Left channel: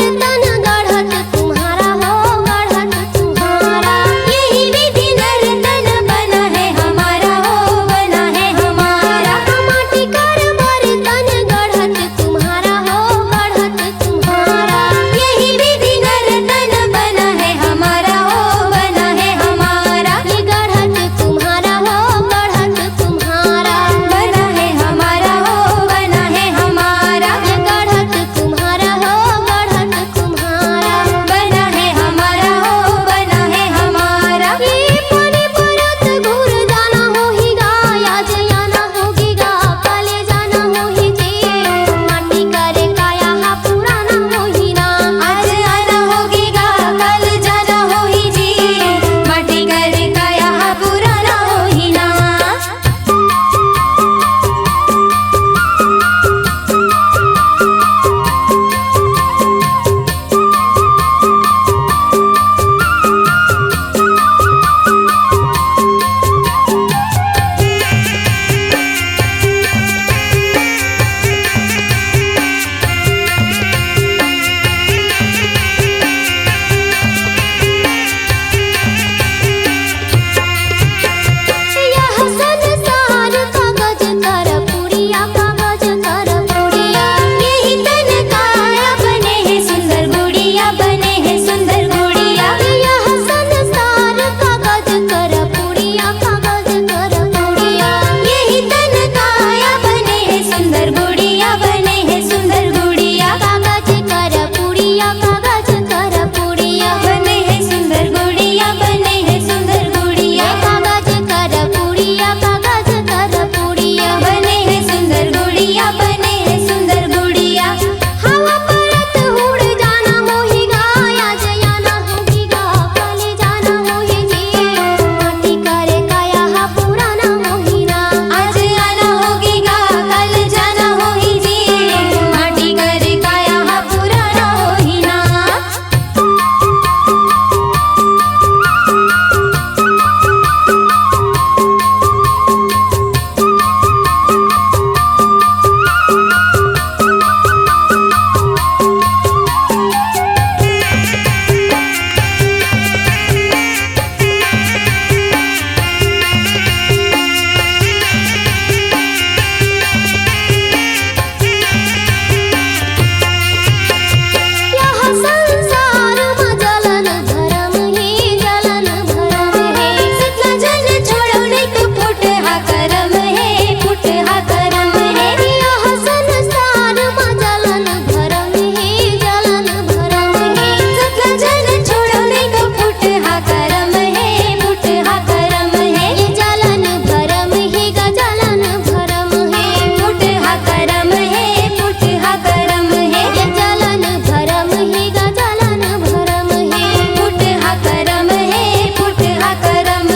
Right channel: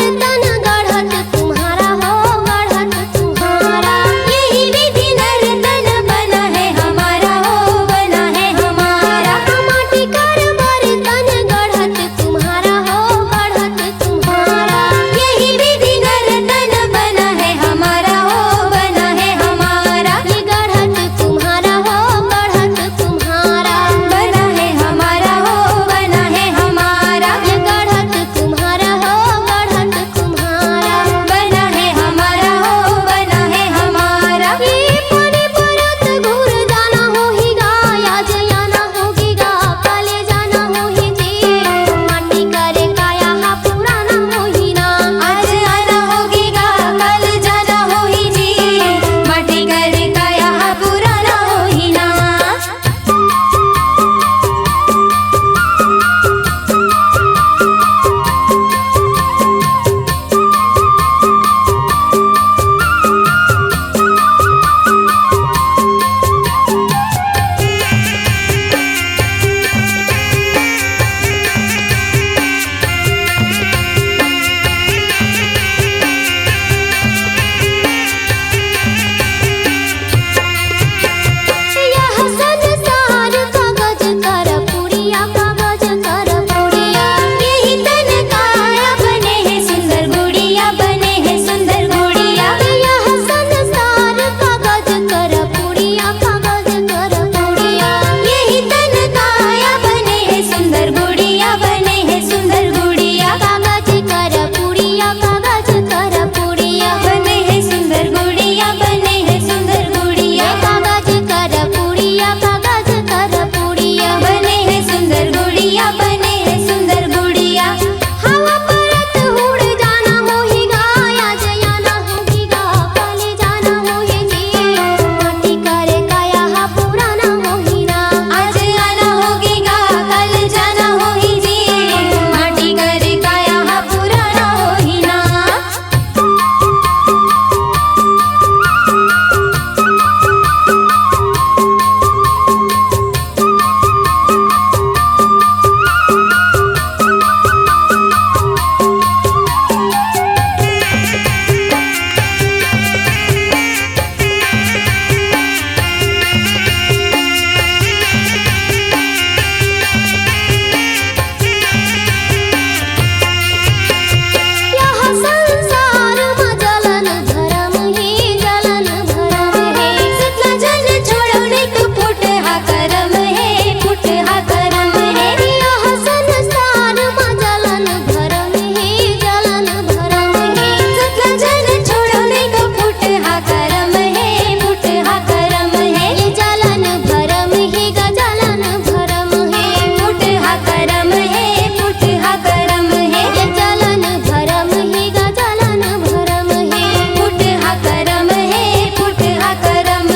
बर्तन गढ़त तुम्हारा हो, गढ़त तुम्हारा। यही विधि नर्तन बना है हमारा हो, बना है हमारा। माटी कर बर्तन गढ़त तुम्हारा हो, गढ़त तुम्हारा। यही विधि नर्तन बना है हमारा हो, बना है हमारा। ये गढ़त तुम्हारा हो, गढ़त तुम्हारा। बना है हमारा हो, बना है हमारा। ये गढ़त तुम्हारा हो, गढ़त तुम्हारा। बना है हमारा हो, बना है हमारा। ये पानी परत घूर जाना हो ही गा, आज आना होगी गा, काले जाना हो ही जी। माटी करे काया हा पुराना हो ही ना, आज आना होगी गा, कल जाना हो ही जी। माटी करे काया हा पुराना हो ही ना। यह संसार कागज कर पुड़िया, कागज कर पुड़िया। यही तन काया बने हैं सुंदर गुड़िया, बने हैं सुंदर गुड़िया। यह संसार कागज कर पुड़िया, कागज कर पुड़िया। यही तन काया बने हैं सुंदर गुड़िया, बने हैं सुंदर गुड़िया। कागज कर पुड़िया, कागज कर पुड़िया। बने हैं सुंदर गुड़िया, बने हैं सुंदर गुड़िया। कागज कर पुड़िया, कागज कर पुड़िया। बने हैं सुंदर गुड़िया, बने हैं सुंदर गुड़िया। हवा परत उड़ जाना हो ही गा, आज आना होगी गा, काले जाना हो ही जी। माटी करे काया हा पुराना हो ही ना, आज आना होगी गा, कल जाना हो ही जी। माटी करे काया हा पुराना हो ही ना। यह संसार में जलन भरम है, जलन भरम है। सतला जन छोड़ो नहीं तो फुट हा करम है, फुट हा करम है। यह संसार में जलन भरम है, जलन भरम है। सतला जन छोड़ो नहीं तो फुट हा करम है, फुट हा करम है। ये जलन भरम है गा, जलन भरम है। फुट हा करम है, फुट हा करम है। ये जलन भरम है गा, जलन भरम है। फुट हा करम है, फुट हा करम